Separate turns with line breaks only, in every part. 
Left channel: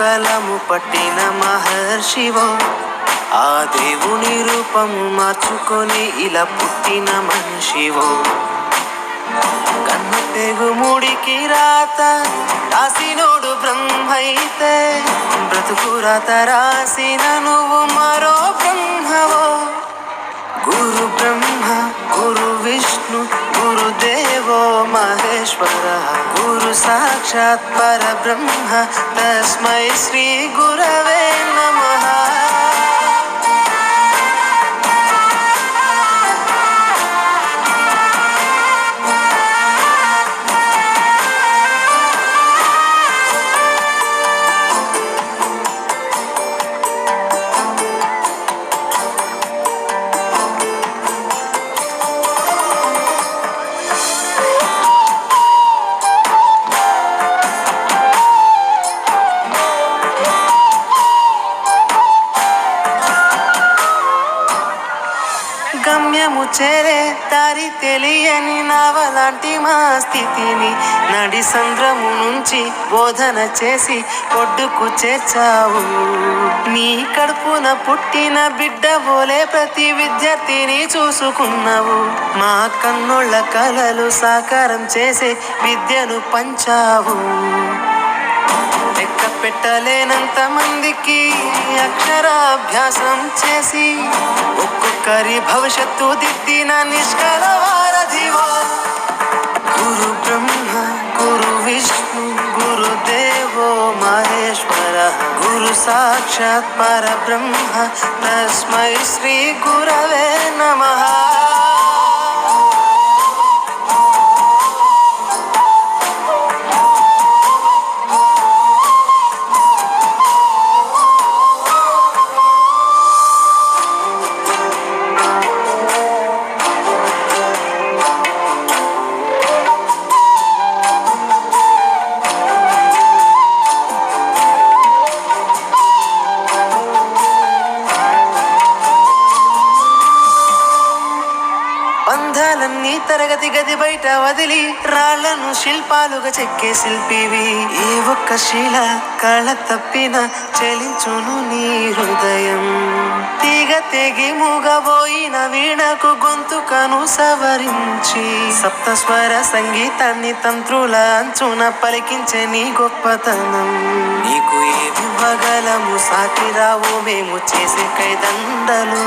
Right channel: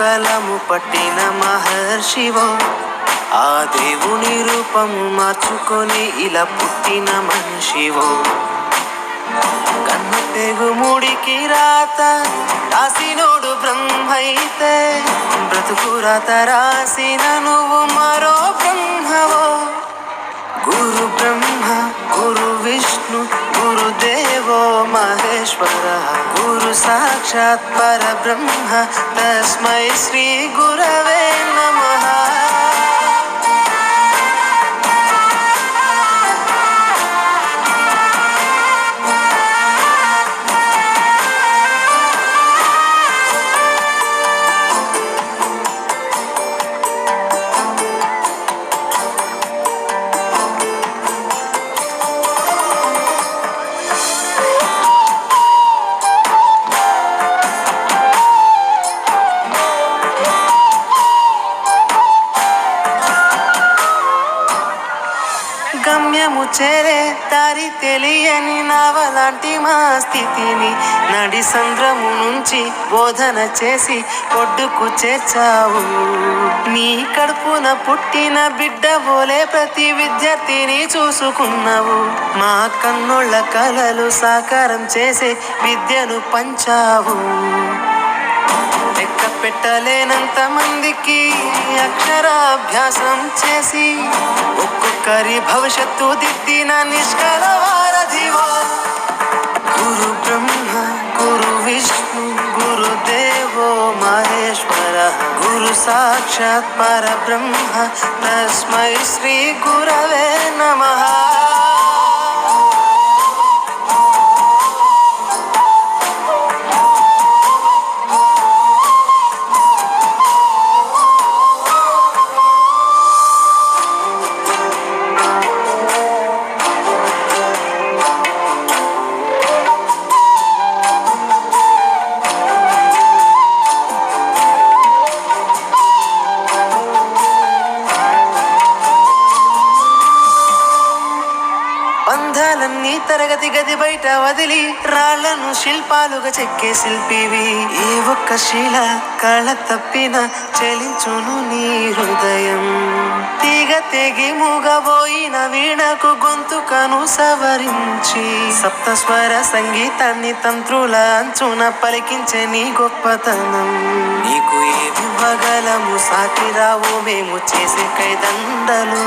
కలము పట్టిన మహర్షివో ఆ దేవుని రూపము మార్చుకొని ఇలా పుట్టిన మనిషివో కన్ను తెగు ముడికి రాత రాసినోడు బ్రహ్మైతే బ్రతుకు రాత రాసిన నువ్వు మరో బ్రహ్మవో గురు బ్రహ్మ గురు విష్ణు महेश्वर गुरु साक्षात् परब्रह्म तस्मै श्रीगुरवे గమ్యము చేరే దారి తెలియని నావలాంటి మా స్థితిని నడి సంద్రము నుంచి బోధన చేసి ఒడ్డుకు చేర్చావు నీ కడుపున పుట్టిన బిడ్డ పోలే ప్రతి విద్యార్థిని చూసుకున్నావు మా కన్నుళ్ళ కలలు సాకారం చేసే విద్యను పంచావు పెట్టలేనంత మందికి అక్షరాభ్యాసం చేసి ఒక్కొక్కరి భవిష్యత్తు దిద్దిన నిష్కలవారధివా గురు బ్రహ్మ గురు విష్ణు గురుదేవో మహేశ్వర గురు సాక్షాత్ పరబ్రహ్మ తస్మై శ్రీ గురవే నమః బయట వదిలి రాళ్లను శిల్పాలుగా చెక్కే శిల్పివి ఏ ఒక్క శిల కళ తప్పిన చెలించును నీ హృదయం తీగ తెగి మూగబోయిన వీణకు గొంతుకను సవరించి సప్తస్వర సంగీతాన్ని తంత్రుల అంచున పలికించే నీ గొప్పతనం నీకు ఏ విభగలము సాకిరావు మేము చేసే కైదండలు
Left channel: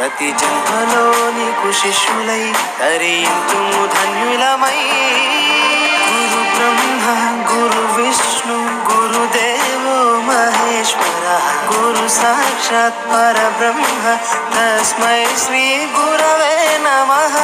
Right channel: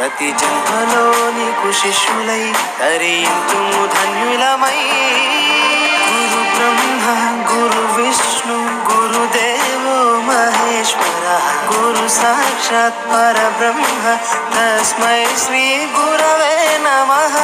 ప్రతి జన్మలో నీకు శిష్యులై తరించు ధన్యులమై గురు బ్రహ్మ గురు విష్ణు గురుదేవో మహేశ్వర గురు సాక్షాత్ పరబ్రహ్మ తస్మై శ్రీ గురవే నమః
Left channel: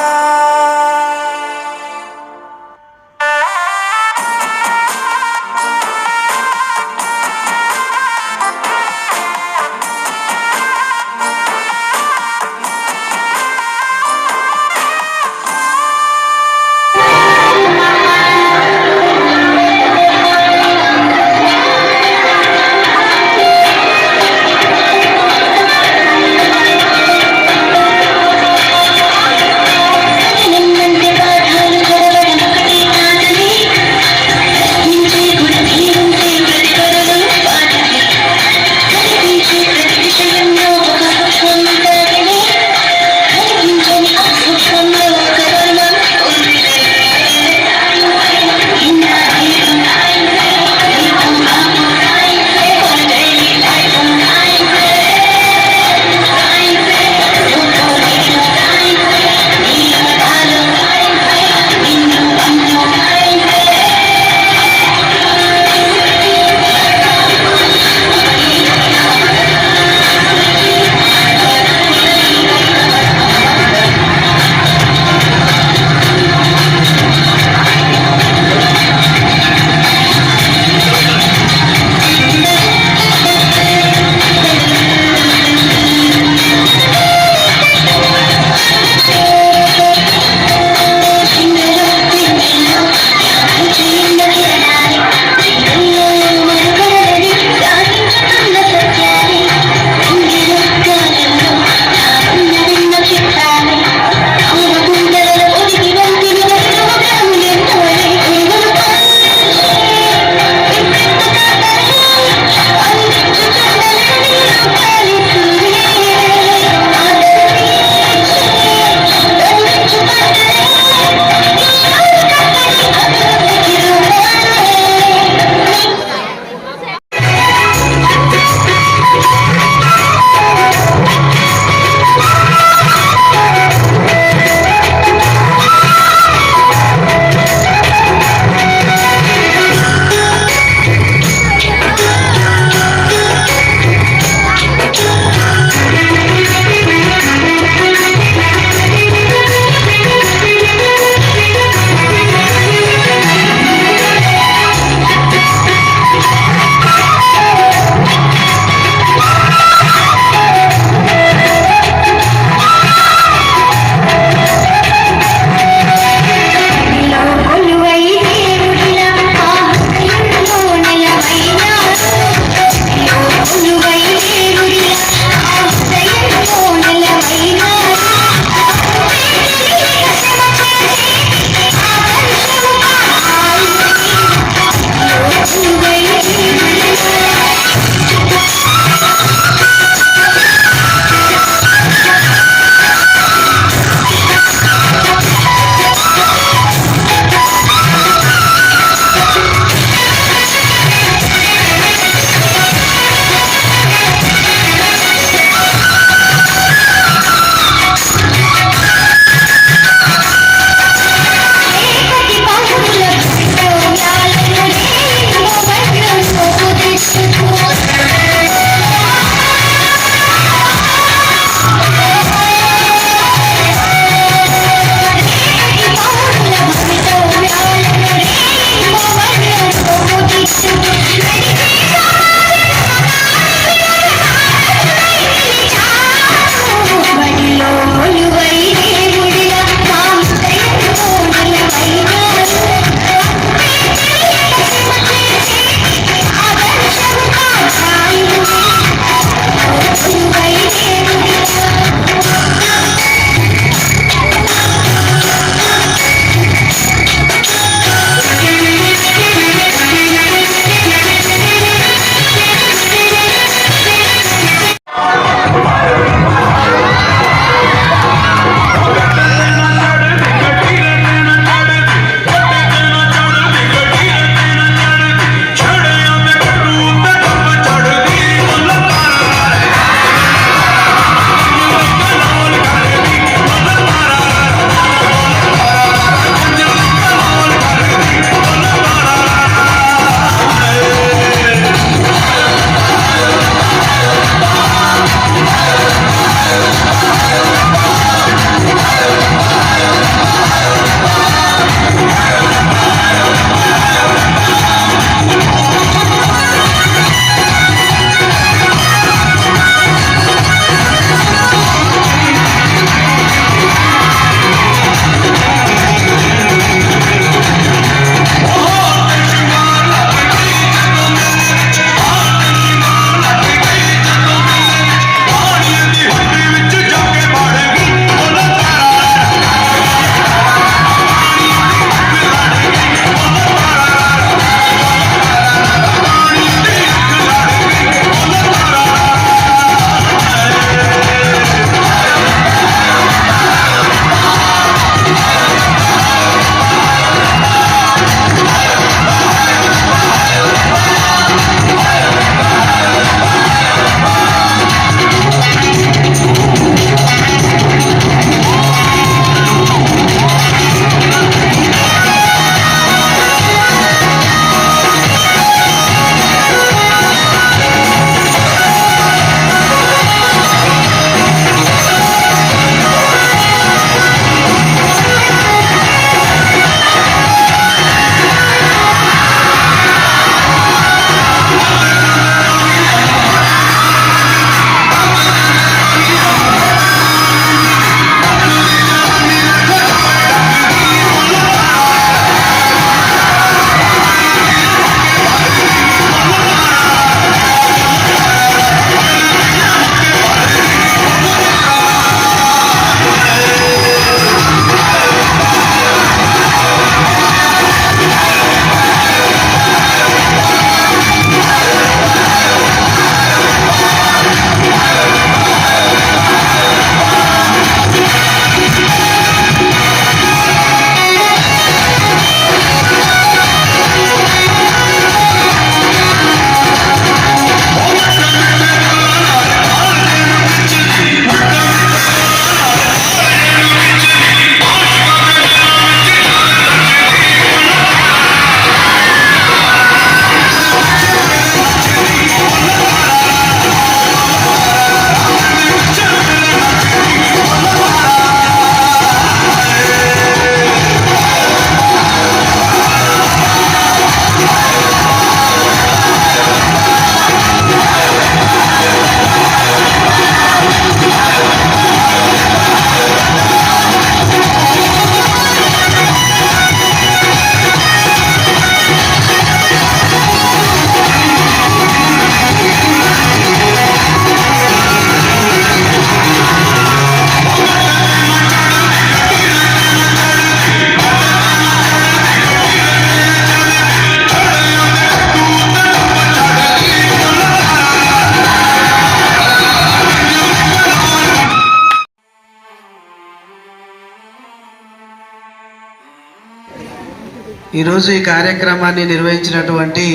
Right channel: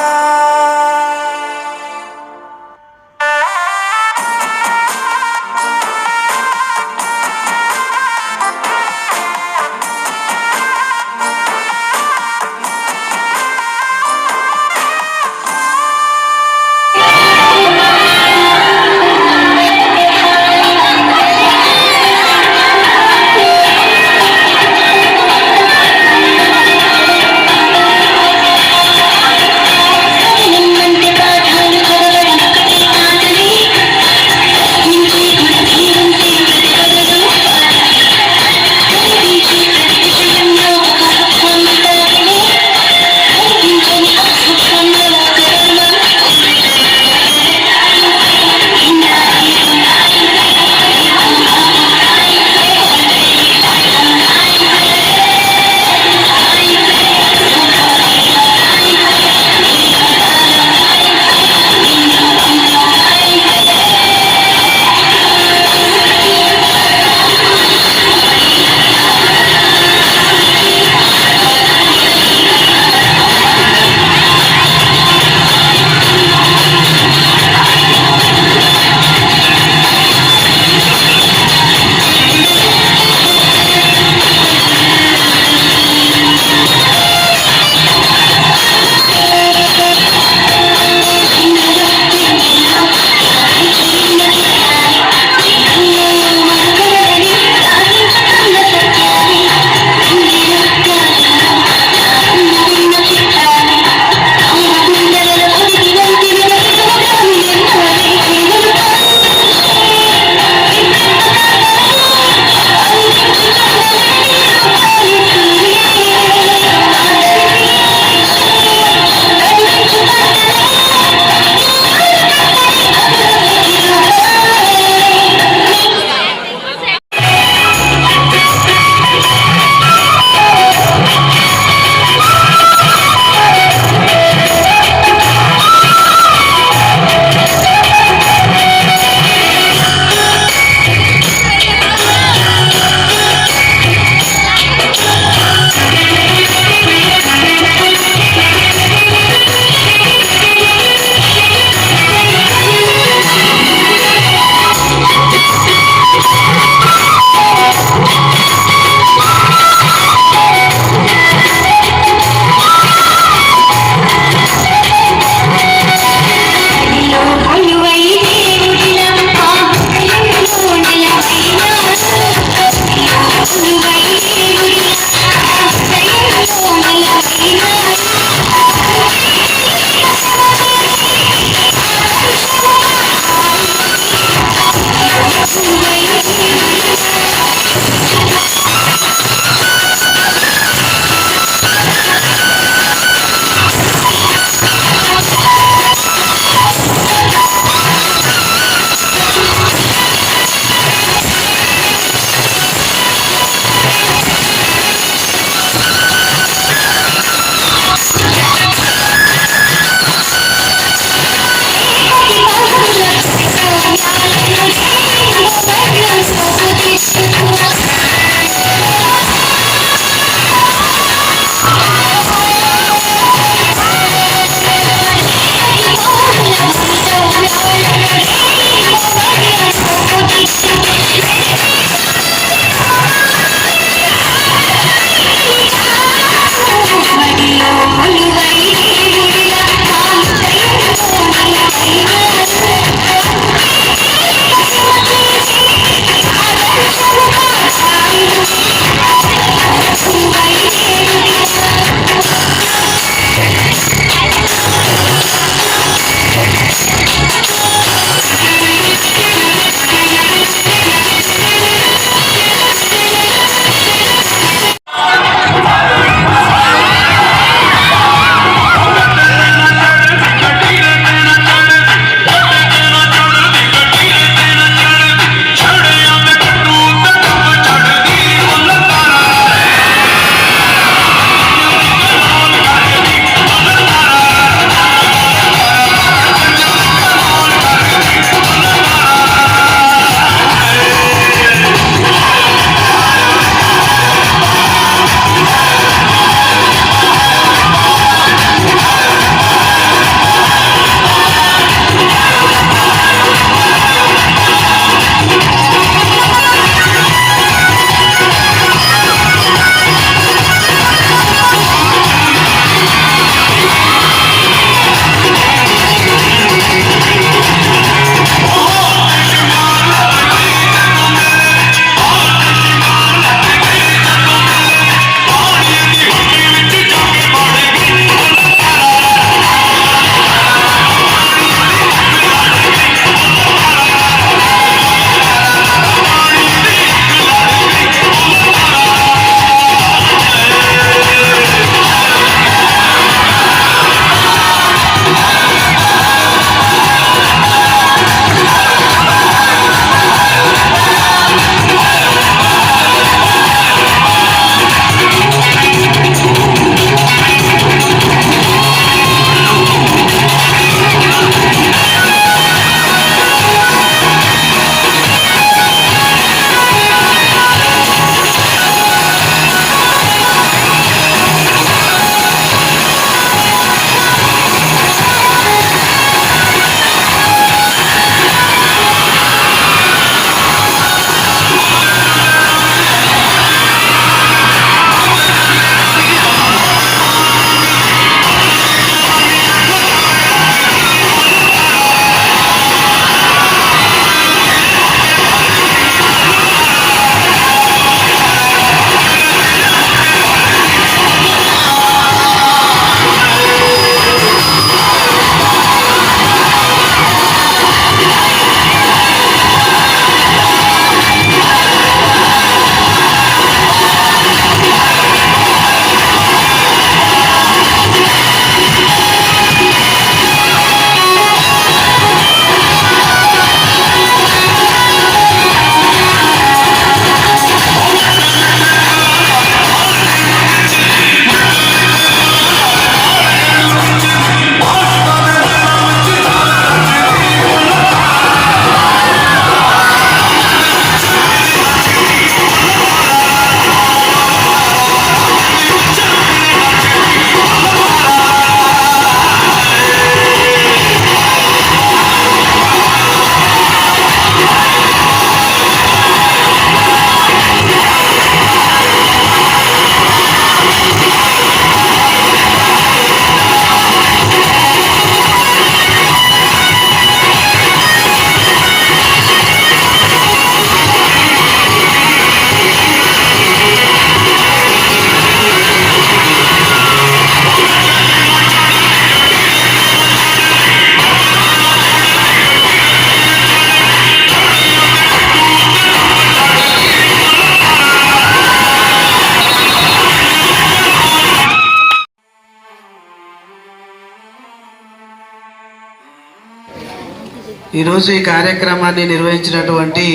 ఈరోజు ఈ కార్యక్రమాన్ని నిర్వహించినటువంటి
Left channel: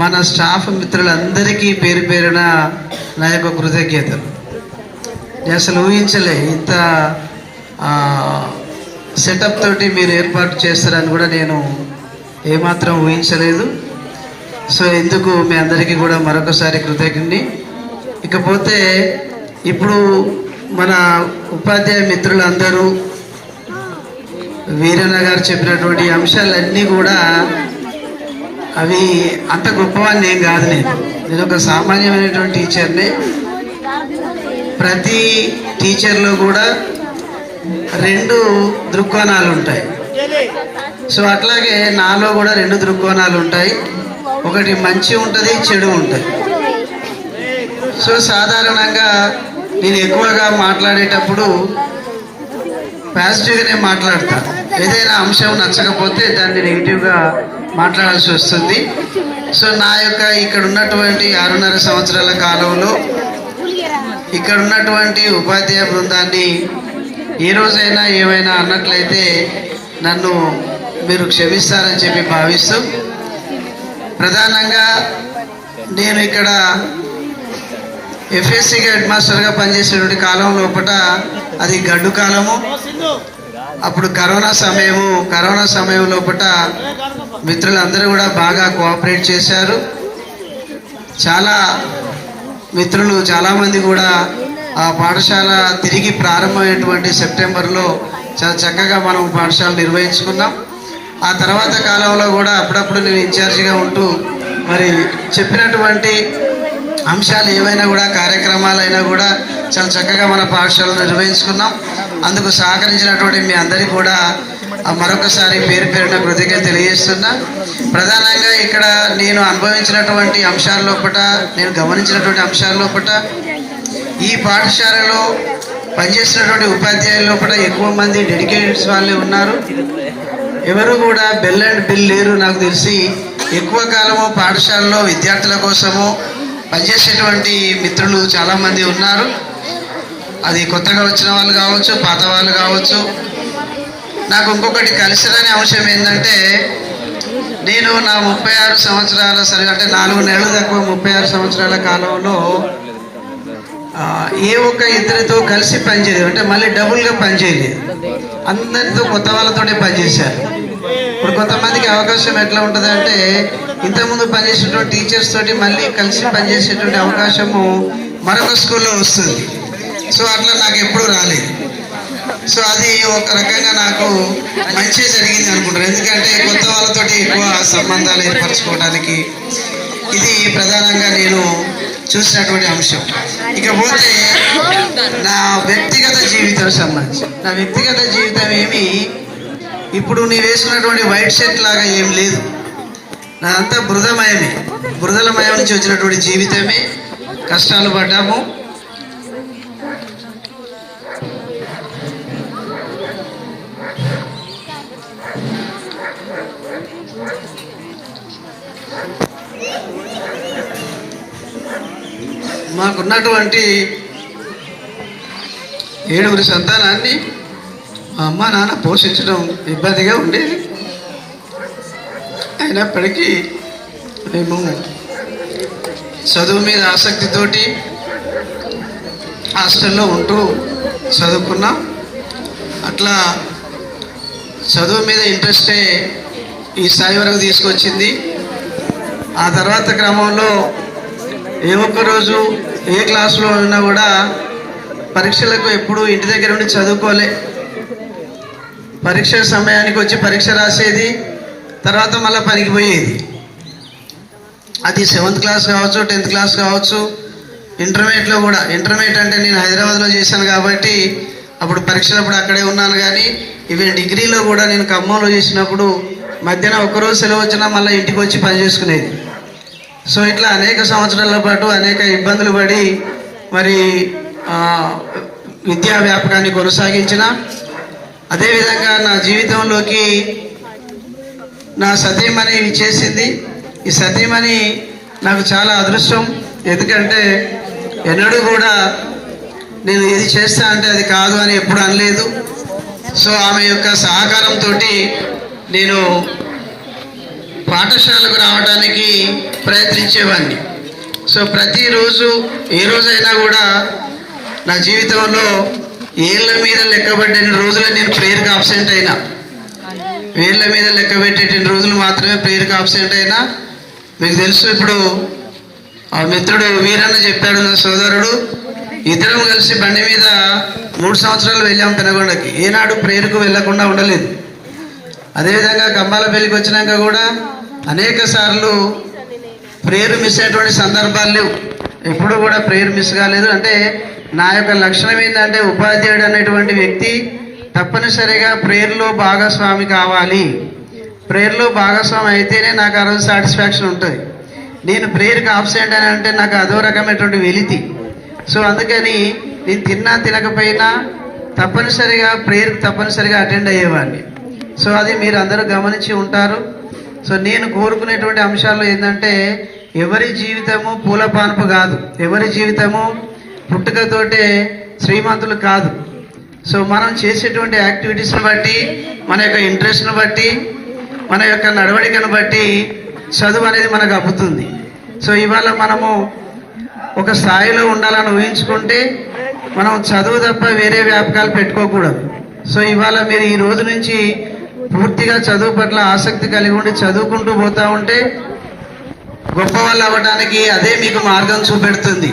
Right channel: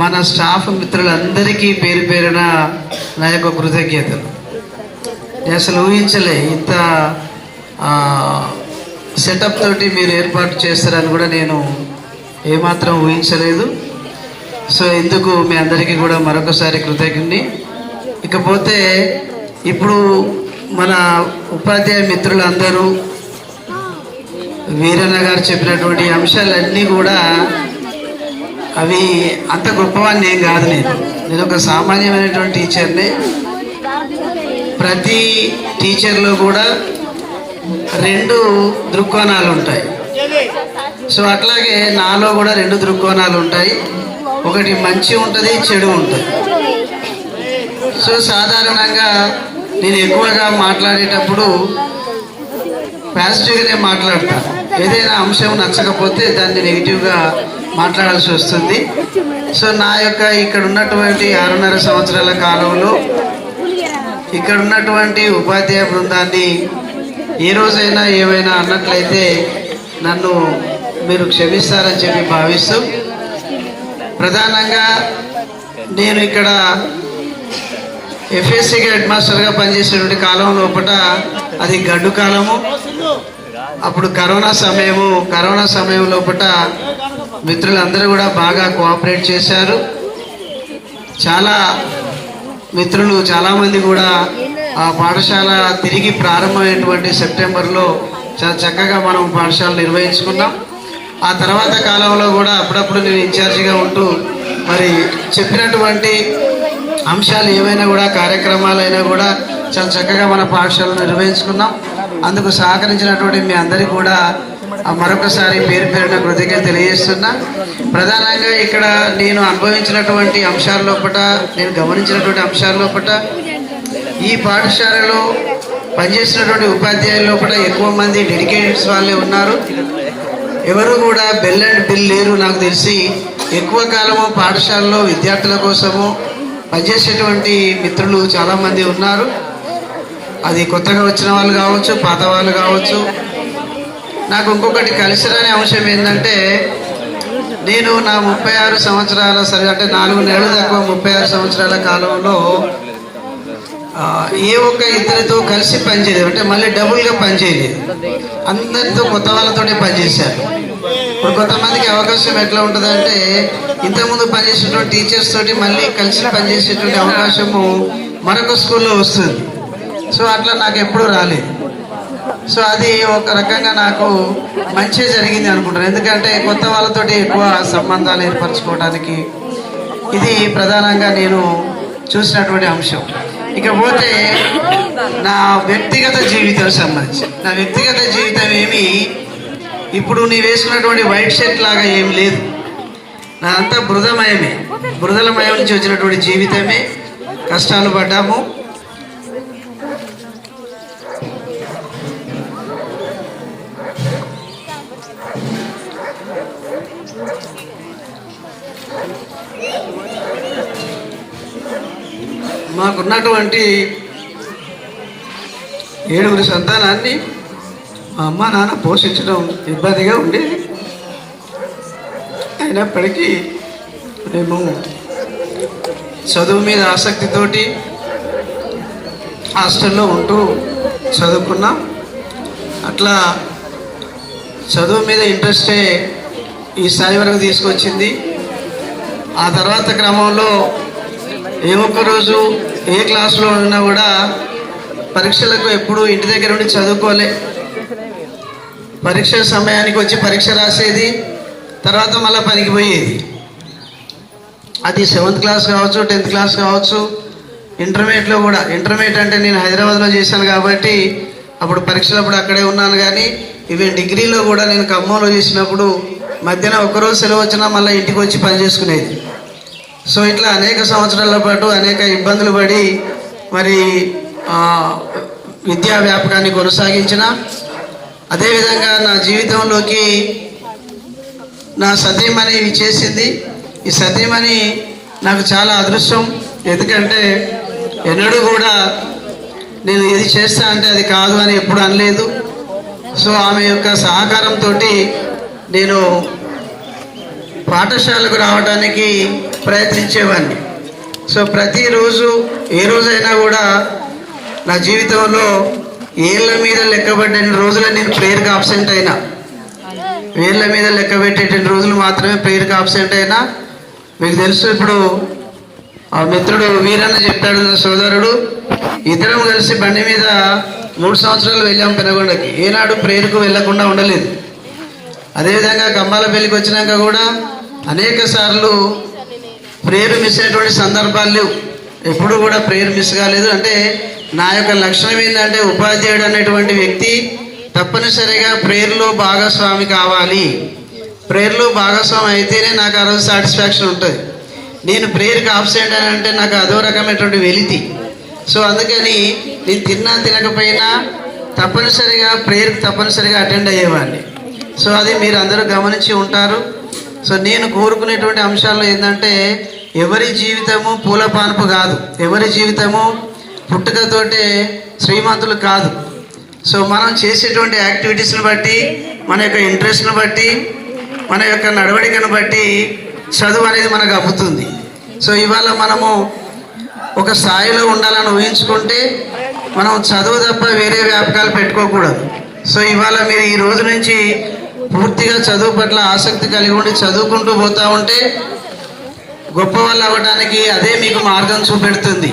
మన స్టాఫ్ మిత్రులందరికీ పేరు పేరున నా యొక్క కృతజ్ఞతలు నేను అసలు ఊహించలే ఇంత సెటప్ తోటి మీరు ఏర్పాటు చేస్తారని కూడా నేను ఏమాత్రం ఊహించలేదు సో ఎందుకు మీ అందరికీ కూడా మరొకసారి కృతజ్ఞని ఇకపోతే ఇప్పుడు మన ఉపాధ్యాయ మిత్రులందరూ వీరన్న గారు చెప్పినటువంటి అంశాలన్నీ కూడా అవి అంత గొప్పవాన్ని ఏం కాదు నేను నేను ఒక సామాన్యమైనటువంటి టీచర్ని ప్రతి టీచర్లో కూడా రెండు దృక్కోణాలు ఉంటాయి సో అట్లాగే నాలో కూడా రెండు దృక్కోణాలు ఉంటాయి ఒకటి మంచి ఉంటుంది చెడు ఉంటుంది సో సాధారణంగా నేను ఎక్కువగా మాట్లాడేటప్పుడు పాజిటివ్గానే మాట్లాడతా ఏదైనా అంశం నచ్చకపోతే దాన్ని నెగిటివ్గా మాట్లాడాల్సి వస్తుంది సో నా యొక్క ఇక్కడ ఉన్నటువంటి ఆరున్నర సంవత్సరాల కాలంలో ఇక్కడ ఉన్నటువంటి ఉపాధ్యాయ బృందాన్ని ఏ రోజైనా ఏమైనా అన్నట్లయితే నన్ను మీరు క్షమిస్తారని చెప్పి భావిస్తూ
ప్రధానంగా
నేను ఇక్కడ ఎఫ్ఎస్సికి హెడ్ మాస్టర్గా పనిచేసినటువంటి కాలం లోపల అది గడ్డు కాలము అప్పుడు కరోనా సమయము కరోనా సమయం లోపల మిత్రులందరూ కూడా బాగా కోఆపరేట్ చేశారు చాలా మిత్రులు చాలామంది కూడా ఆ పాఠశాల తిరిగి ప్రారంభమైనటువంటి సెప్టెంబర్లో చాలా చక్కగా మనం పాఠశాల నిర్వహించుకున్నాం ఆ తర్వాత కాలంలో కూడా అప్పుడప్పుడు నేను ఇన్ఛార్జిగా ఉంటూ మరి చెప్పినటువంటి అంశాలు ఏవైనా కూడా కార్యక్రమాలైనా కూడా చాలా చక్కగా మన పాఠశాలను నిర్వహించుకున్నాం అందుకు సహకరించినటువంటి మీ అందరికీ కూడా మరొకసారి పేరు పేరున కృతజ్ఞత తెలియజేస్తున్నా ప్రధానంగా ఇక్కడ నేను అనుభవించినటువంటి అంశాల్లో లోపల నేను గమనించినటువంటి అంశాల్లో లోపల ఈ పాఠశాలలో పనిచేస్తున్నటువంటి ఉపాధ్యాయుల లోపల ఎక్కువ మంది డెడికేటెడ్స్ వాళ్ళే ఉన్నారు ఎవరు కూడా బెల్ అండ్ బిల్ లేరు నాకు తెలిసి ఎక్కువ కాలము పాఠశాలలో విద్యార్థుల కోసము పనిచేసేటువంటి మిత్రులు చాలామంది ఉన్నారు అది కొత్తగా వచ్చిన వాళ్ళు కావచ్చు పాత వాళ్ళు కావచ్చు నాకు ఇంకొకటి కలిసిరని అంశం ఏంటంటే నేను నా ముప్పై ఆరు సంవత్సరాల సరే అంటే నాలుగు నెలలు తక్కువ ముప్పై ఆరు సంవత్సరాల కాలంలో ఏ ఒక్క ఇద్దరితో కలిసి పనిచేయలేదు అంటే మళ్ళీ డబుల్గా పనిచేయలేదు అందరితో కొత్త వాళ్ళతోనే పనిచేశారు ఇప్పుడు కొంతమందికి అవకాశం ఎట్లా ఉంటుంది అంటే ఇంతకుముందు పనిచేసినటువంటి టీచర్స్ తోటి మళ్ళీ కలిసి పనిచేసేటువంటి అవకాశము మరొక స్కూల్లో వస్తుంది సో అట్లా నాకు ఎప్పుడూ రాలేదు సో అది ఒక రకంగా నాకు మంచి జరిగింది అనుకుంటాను ఎందుకంటే కొత్త వాళ్ళతోటి ఎక్కువ సంబంధాలు ఏర్పరచుకోవడానికి ఇది ప్రధానంగా నేను చూసినటువంటి అంశం ఇకపోతే నా వ్యక్తిగత జీవితం సంబంధించి నా వ్యక్తిగత జీవితం ఏమి ఇప్పుడు నీ వేసుకున్నటువంటి వైట్ షర్ట్ లాగా ఏం లేదు నాదంతా బృదమయమే బృదలమయం నుంచి వచ్చినటువంటి జీవితమే కష్టాలు పడ్డాము మాకున్నటువంటి ఏడుగురి సంతానాన్ని మా అమ్మ నాన్న పోషించడం ఇబ్బందిగా ఉండేది అయినప్పటికీ మేము చదువు మీద ఆసక్తితోటి హాస్టల్లో ఉంటూ చదువుకున్నాం అట్లా చదువు మీద ఇంట్రెస్టే ఈ స్థాయి వరకు తీసుకొచ్చింది ఆ తర్వాత క్రమంలో ఏ ఒక్కరోజు ఏ క్లాస్లో ఉన్నా కూడా పరీక్షలకు ఎప్పుడు ఇంటి దగ్గర ఉండి చదువుకోలే పరీక్ష సమయానికి వచ్చి పరీక్ష రాసేది తర్వాత మళ్ళీ పనికి పోయేది అది సెవెంత్ క్లాస్ కావచ్చు టెన్త్ క్లాస్ కావచ్చు ఇంటర్మీడియట్లో కూడా ఇంటర్మీడియట్ అంటే నేను హైదరాబాద్లో చేశాను కాబట్టి అప్పుడు పరీక్షలప్పుడు అక్కడే ఉన్నాను కానీ ఇవి డిగ్రీలో కూడా నేను ఖమ్మంలో చేసినప్పుడు మధ్యాహ్నం ఒకరోజు సెలవు వచ్చినా మళ్ళీ ఇంటికి వచ్చి పని చేసుకునేది సో ఇట్లా అనేక సంవత్సరాల పాటు అనేక ఇబ్బందులు పడి మరి విద్యా వ్యాపకాన్ని కొనసాగించిన అదేవిధంగా నా జీవితంలోకి నా సతీమణి చేసింది ఈ సతీమణి నాకు చాలా అదృష్టం ఎందుకంటే ఎన్నడూ కూడా నేను ఏది చేస్తా అంటే అది కాదు అని ఎప్పుడు అనలేదు సో ఆమె యొక్క సహకారంతో నేను పాఠశాలకు రావడానికి ప్రయత్నించేవాడిని సో ప్రతిరోజు ఏ రోజైనా కూడా నా జీవితంలో ఏళ్ళ మీద లెక్కబడిన రోజులు నేను ప్రేయర్కి ఆబ్సెంట్ అయినా వేళ్ళ మీద లెక్క పెట్టేటువంటి రోజులు మాత్రమే ప్రేయర్కి ఆబ్సెంట్ అయినా మీకు తెలుసు ఇప్పుడు ఆ మిత్రుడు వీరన్న చెప్పాడు నా సోదరుడు ఇద్దరం కలిసి బండి మీద మూడు సంవత్సరాలు వెళ్ళాం పెనగొండకి ఏనాడు ప్రేయర్కు వెళ్లకుండా ఉండలేదు అదేవిధంగా గమ్మాల పెళ్లికి వచ్చినాక కూడా అనేక సార్లు ప్రేయర్ మిస్ అయ్యేటువంటి సందర్భాలు లేవు ఎప్పుడు కూడా ప్రేయర్ మిస్ కాలేదు అంటే నా యొక్క లక్షణం ఏంటంటే ఉపాధ్యాయుడు అనేటువంటి వ్యక్తి తప్పనిసరిగా ప్రేయర్లో భాగస్వామి కావాలి ప్రేయర్లో భాగస్వామి అయితేనే నాకు ఆ రోజు సాటిస్ఫాక్షన్ ఉంటుంది నేను ప్రేయర్కి ఆబ్సెంట్ అని అంటే నాకు అదో రకమైనటువంటి వెలితి సో అందుకని నేను తిన్నా తినకపోయినా తప్పనిసరిగా ప్రేయర్కి తప్పనిసరిగా అటెండ్ అయ్యేవాడిని సో అది మీరు అందరూ గమనించి ఉంటారు సో నేను కోరుకునేటువంటి అంశాల్లో ఏంటంటే ఎవరి జీవితము పూలపానపు కాదు ఎవరి జీవితము పుట్టుకతోటే శ్రీమంతులు కాదు సో మనం చేసేటువంటి యాక్టివిటీస్ని బట్టి మన యొక్క ఇంట్రెస్ట్ని బట్టి మన యొక్క నడవడికను బట్టి చదువు అనేది మనకు అబ్బుతుంది సో ఇవాళ మనము ఒక స్థాయిలో ఉండాలని ఊహించుకుంటే మనం చదువు తప్ప వేరే వ్యాపకాలు పెట్టుకోకూడదు సో ఇవాళ మీరు ఈ రోజు నుంచి పూర్తిగా చదువు పట్ల ఆసక్తి కలిగి ఉండి చదువుకుంటూ పోతా ఉంటే గొప్ప వాళ్ళు అవ్వడానికి అదే మీకు మార్గం చూపెడుతుంది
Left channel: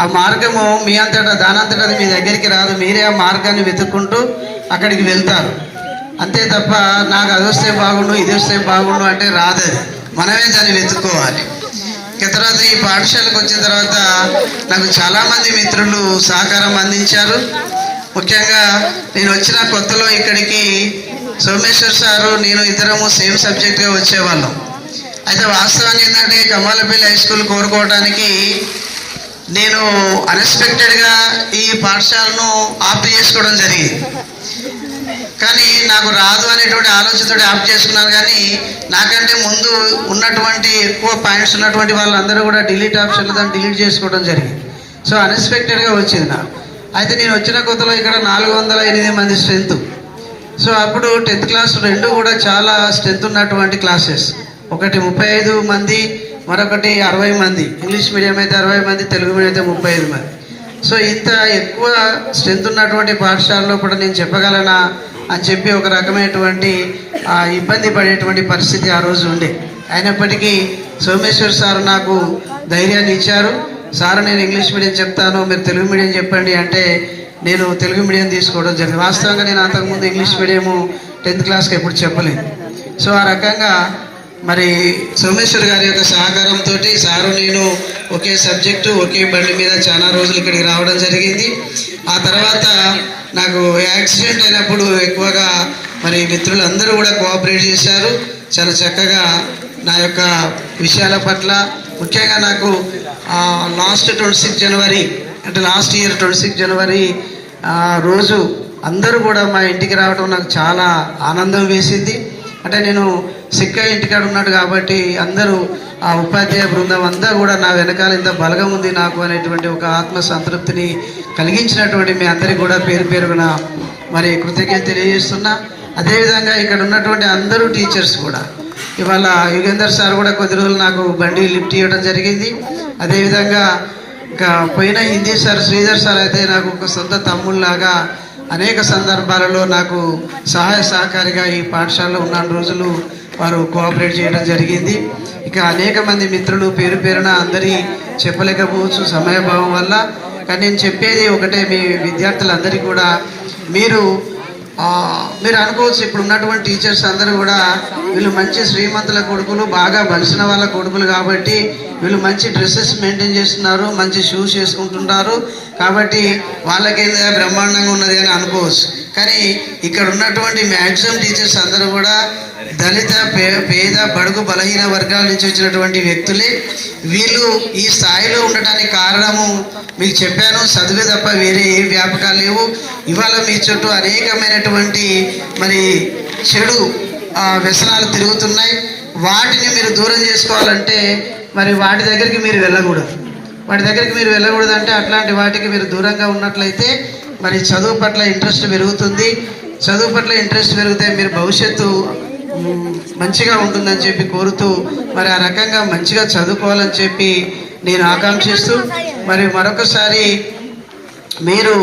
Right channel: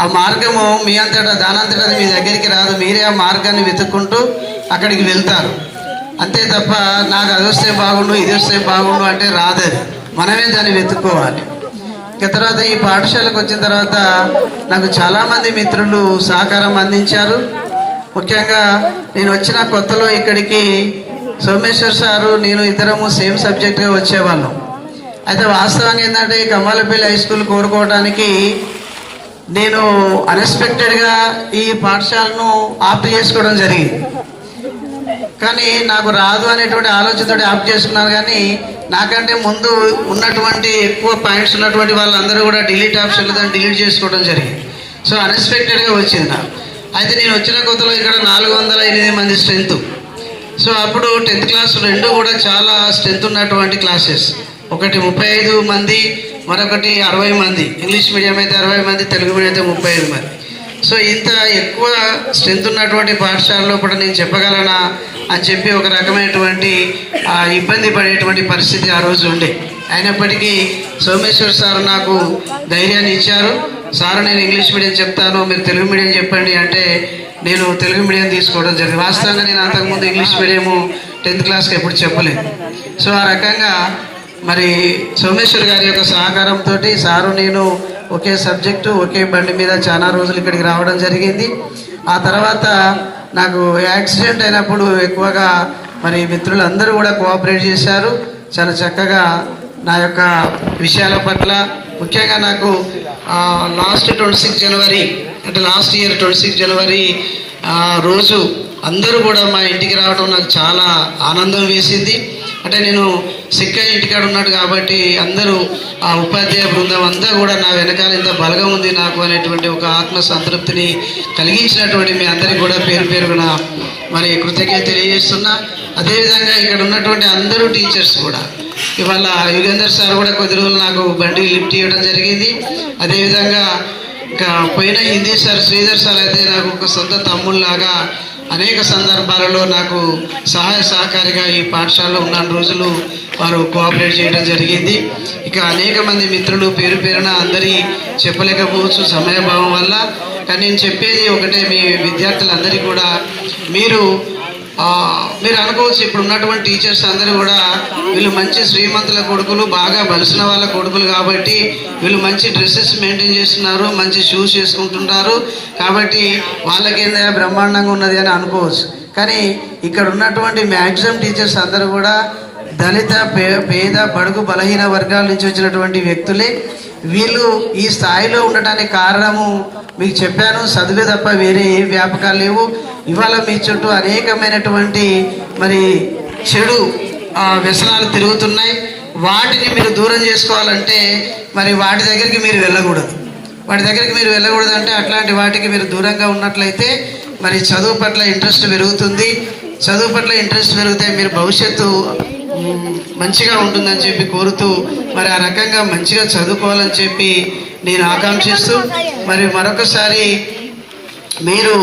ఆ మార్గము మీ అంతటా దానంతటా మీ దగ్గరికి రాదు మీరే ఆ మార్గాన్ని వెతుక్కుంటూ అక్కడికి వెళ్తారు అంతే తప్ప నాకు అది వస్తే బాగుండు ఇది వస్తే బాగుండు అంటే రాదు అది మనమే దాన్ని వెతుక్కోవాలి ఇక తర్వాత ఈ పాఠశాలకు వచ్చిన తర్వాత నాకు చాలామంది మిత్రులు సహకారం అందించారు ముఖ్యంగా నేను వచ్చిన కొత్తలో ఇక్కడికి సోమేశ్వర్ సారు నేను ఇద్దరము సేమ్ సబ్జెక్ట్గా వచ్చేవాళ్ళం అయితే వాస్తవాన్ని ఏంటంటే కమలపల్లి హై స్కూల్ కోరుకోవడానికి నేను అన్ఎక్స్పెక్టెడ్గా ఈ పాఠశాలను ఆప్ చేసుకోవడం జరిగింది కానీ నాకు రాదు అనేటువంటి ఆలోచనతో ఆప్ చేసుకున్నాను కానీ నాకంటే ముందు ఉన్నటువంటి ఎక్కువ పాయింట్స్ ఉన్నటువంటి వాళ్ళందరూ కూడా డిలీట్ ఆప్షన్లు దాన్ని డిలీట్ చేసుకోవడం జరిగింది సో అన్ఎక్స్పెక్టెడ్గా వచ్చింది నాకు అయితే నేను వచ్చిన కొత్తలో ఇక్కడ నాలుగు వందల ఎనిమిది మంది స్ట్రెంత్ సో అప్పుడు టెన్త్ క్లాస్ రెండు కూడా చాలా స్ట్రెంత్ ఉన్నటువంటి క్లాసెస్ ఒకటి ముప్పై ఐదు మంది మరొకటి అరవై మంది ఇంగ్లీష్ మీడియం అయితే అరవై మంది తెలుగు మీడియం అయితే ముప్పై ఐదు మంది సో ఇంత ఎక్కువ స్ట్రెంత్ ఉన్నటువంటి పాఠశాలలో కూడా నేను చెప్పగలనా అని చెప్పి ఒక రకమైనటువంటి ఇబ్బంది పడేటువంటి పరిస్థితి ఆ రోజు ఉండే అయినప్పటికీ సోమేశ్వర్ సార్ నాకు ధైర్యాన్ని ఇచ్చారు సార్ నేను ఇంగ్లీష్ మీడియం చెప్తాను మీరు తెలుగు మీడియం చెప్పండి అంటే నేను తెలుగు మీడియం తీసుకోవడం జరిగింది వాస్తవంగా నేను అంతకుముందు ఇంగ్లీష్ మీడియము టెన్త్ క్లాస్కి ఎప్పుడు చెప్పలేదు సో ఆ రకంగా మరి సోమేశ్వర్ గారి యొక్క సహకారంతో సారు నేను ఒకే సబ్జెక్టు ఒకే బండి మీద చాలా రోజులు ఇక్కడికి రావడం జరిగింది ఆ తర్వాత నాకు యాక్సిడెంట్ అయినప్పుడు ఎక్కువగా మరి మిత్రులందరూ కూడా కోఆపరేట్ చేశారు చాలా చక్కగా నా యొక్క విషయాల పట్ల ముఖ్యంగా నాకు లాస్ట్ ట్వంటీ జనవరి అంటే last year twenty six January రోజు అందరూ కూడా మా ఇంటికి రావడం నాకు చాలా ఆనందం వేసింది అంటే నేను సిక్క ఇంటికాడ ఉన్నాడు కాబట్టి అందరూ ఆ ఉపాధ్యాయ బృందం అంతా కూడా నా వెనకాల ఇంత బలగం ఉంది నాకు అనేటువంటి ఒక ఆత్మ సంతృప్తిని కలిగించినటువంటి మీ అందరికీ కూడా పేరు పేరున మరి కృతజ్ఞత తెలియజేస్తున్నా అదేవిధంగా ఇక్కడ ఉన్నటువంటి అందరూ టీచర్స్ కూడా ఇవాళ యుగేందర్ సార్ కూడా కొద్ది రోజులు నాకు బండి లిఫ్ట్ ఇవ్వడం జరిగింది అదేవిధంగా పోయిన హిందీ సార్ శ్రీధర్ సార్ అయితే నాకు ఒక సొంత తమ్ముళ్ళలాగా అనేక సందర్భాలలో నాకు సహాయ సహకారిగా ఈ పాఠశాలలో ఉన్న రోజులు వారు కోఆపరేట్ చేయడం జరిగింది ఇక అనేక మంది మిత్రులు పేరు పేరున అందరి చెప్పలేకపోవచ్చు సమయభావం వల్ల కానీ నేను చెప్పేది ఒకటే మీ విద్యార్థులందరికీ కూడా మీరు మీరు అనుకోవచ్చు ఇప్పుడు ఉన్నటువంటి టీచర్స్ అందరూ కూడా వీళ్ళు మంచి శ్రీమంతుల కొడుకులు బాగా బలిసిన వాళ్ళ కొడుకులు కాబట్టి వీళ్ళు మంచి డ్రెస్సెస్ మెయింటైన్ చేస్తున్నారు మంచి షూస్ వేసుకుంటున్నారు కాబట్టి వాళ్ళకేందా బ్రహ్మాండంగా ఉన్నది అని అనుకోవచ్చు కానీ ఇక్కడ ఉన్నటువంటి మ్యాక్సిమం టీచర్స్ అందరూ కూడా దళిత పేద బడుగు బలహీన వర్గాల నుంచి వచ్చినటువంటి వ్యక్తులే వీళ్ళు ఈ స్థాయిలో ఉండటానికి కారణము మీకు చెప్పాను చదువు తప్ప వేరే ఏ వ్యాపకాలు లేవు ఇవాళ మీ చుట్టూ అనేకమైనటువంటి మరి చెడు వ్యసనాలు తిరుగుతున్నాయి వాటిని మీరు దూరం చేసుకోవాలంటే మరి వాటి దగ్గరికి మీరు వెళ్ళకూడదు వాటి దగ్గరికి మీరు వెళ్ళకూడదు అంటే అట్లాంటి వాటికి మీరు దూరంగా ఉన్నట్లయితే మరి చదువు పట్ల ఇంట్రెస్ట్ పెరుగుతుంది చదువు పట్ల ఇంట్రెస్ట్ పెరిగితే మీరు భవిష్యత్తు మంచిగా ఉంటుందని చెప్పి కోరుతూ మరి ఆ రకంగా మంచిగా చదువుకోవాలని చెప్పి నేను ఆకాంక్షిస్తూ మరి మరొకసారి మీరు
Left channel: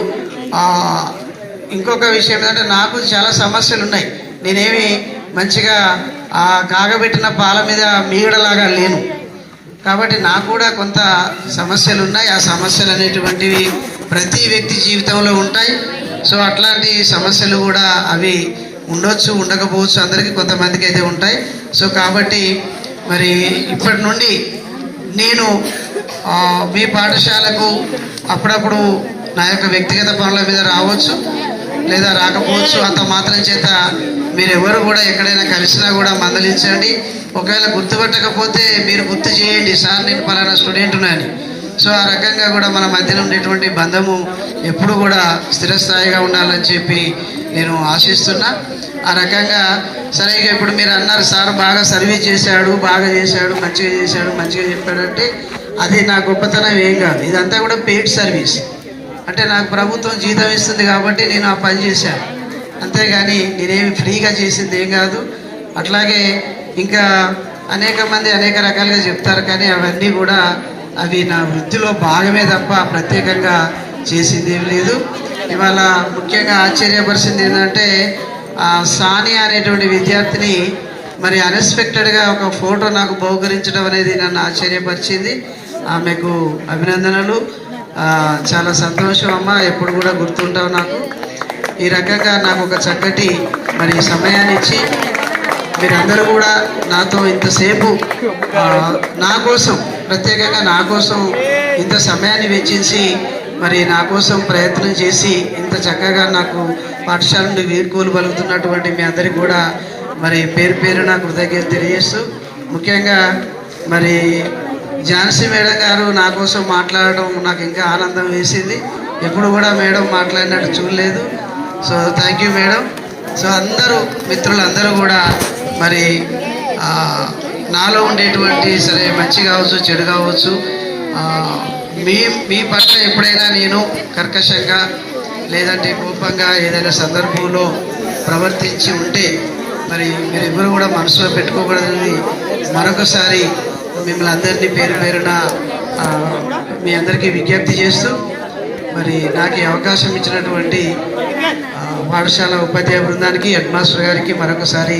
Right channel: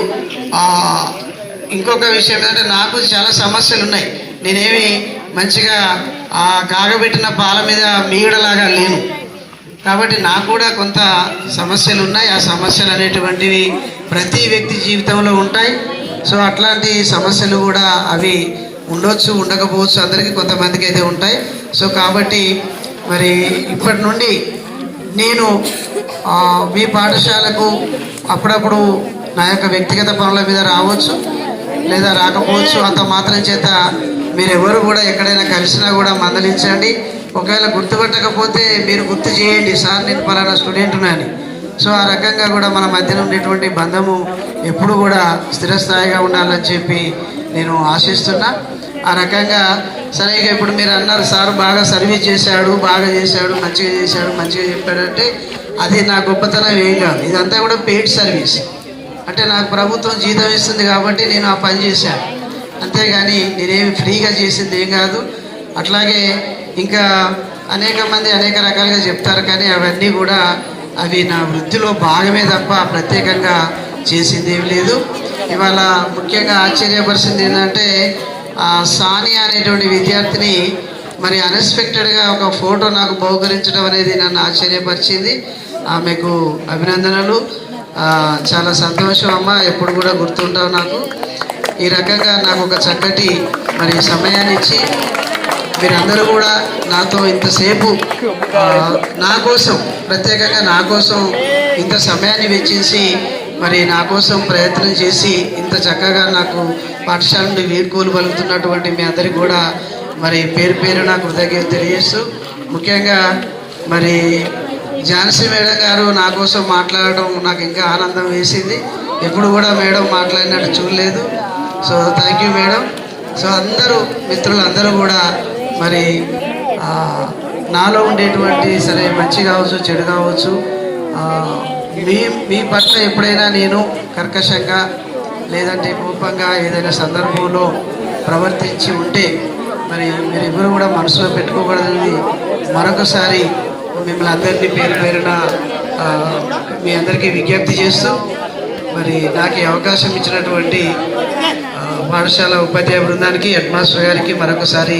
ఇంకొక విషయం ఏంటంటే నాకు చాలా సమస్యలు ఉన్నాయి నేనేమి మంచిగా ఆ కాగబెట్టిన పాల మీద మీగడలాగా లేను కాబట్టి నాకు కూడా కొంత సమస్యలు ఉన్నాయి ఆ సమస్యలు అనేటువంటివి ప్రతి వ్యక్తి జీవితంలో ఉంటాయి సో అట్లాంటి సమస్యలు కూడా అవి ఉండొచ్చు ఉండకపోవచ్చు అందరికీ కొంతమందికి అయితే ఉంటాయి సో కాబట్టి మరి ఇప్పటి నుండి నేను మీ పాఠశాలకు అప్పుడప్పుడు నా యొక్క వ్యక్తిగత పనుల మీద రావచ్చు లేదా రాకపోవచ్చు అంత మాత్రం చేత మీరెవరు కూడా ఎక్కడైనా కలిసినా కూడా మందలించండి ఒకవేళ గుర్తుపట్టకపోతే మీరు గుర్తు చేయండి సార్ నేను పలానా స్టూడెంట్ ఉన్నాను సో ఆ రకంగా కూడా మన మధ్యలో ఉండేటువంటి బంధము ఎప్పుడు కూడా స్థిరస్థాయిగా ఉండాలని చెప్పి నేను ఆశిస్తున్నా ఆ రకంగా సరే ఇప్పుడు మీరు అన్నారు సార్ బాగా సర్వీస్ చేశాడు బాగా చేశాడు మంచిగా చేశాడు మంచిగా చెప్పాడంటే అది నా గొప్పతనం ఏం కాదు ఇదంతా కూడా పెయిడ్ సర్వీస్ అంటే నాకు ప్రభుత్వం జీతం ఇస్తుంది కాబట్టి నేను ఆ పని చేశాను అంతేగాని నేనేమి ఫ్రీగా చేసింది ఏం కాదు అట్లాగే ఇంకా అనేక మంది అనేక రకాలుగా చెప్తారు కానీ అవన్నీ కూడా అవి నా వృత్తిలో భాగమే తప్ప ప్రత్యేకంగా చేసింది ఏం లేదు ఇవాళ ముఖ్యంగా ఆశ్చర్యపరిచింది ఏంటంటే సాని అనేటువంటి విద్యార్థిని మరి అన్ఎక్స్పెక్టెడ్గా ఒక ఫోటో నాకు బహుకరించడం అనేది నన్ను ఆశ్చర్యపరిచింది ఆమెకు అభినందనలు చాలా సంతోషం అమ్మ ఎప్పుడు కూడా గుర్తుంటావు నాకు ఈ రకంగా నాకు ఒక చక్కటి మరి సమయాన్ని ఇచ్చి మీరందరూ కూడా నాతో ఇంతసేపు నా కోసం ప్రత్యేకంగా నా కోసం ఇంత సమయాన్ని వెచ్చించి మరి నా కోసం ప్రయత్నం చేసి ఇంత చక్కగా నాకు పాఠశాల నుండి వీడ్కోలు పలుకుతున్నటువంటి మీ అందరికి కూడా మరి పేరు పేరు నా కృతజ్ఞత తెలియజేస్తూ ముఖ్యంగా మరి ఝాన్సీ మేడం గారు నా కోసం మాట్లాడడం నాకు ఇంకా ఆనందం వేసింది ఎప్పుడు కూడా మేడం మాట్లాడినట్టు చూడలేదు so thank you madam so అందరూ మిత్రులందరూ కూడా మరి నాలో ఉండేటువంటి సరే మంచి కావచ్చు చెడు కావచ్చు మీ మీ పట్ల ఎప్పుడైనా నేను కర్కశంగా లేదంటే కోపంగా ఏదైనా సందర్భంలో ప్రవర్తించి ఉంటే మరి మీరెవరు కూడా మనసులో పెట్టుకోకూడదని మరొకసారి మిమ్మల్ని అందరినీ పేరు పేరున మీ అందరికీ విజ్ఞప్తి చేస్తూ మరి నాకు అవకాశం ఇచ్చినటువంటి పాఠశాల ఉపాధ్యాయ బృందానికి హెడ్ మాస్టర్ గారికి మరొకసారి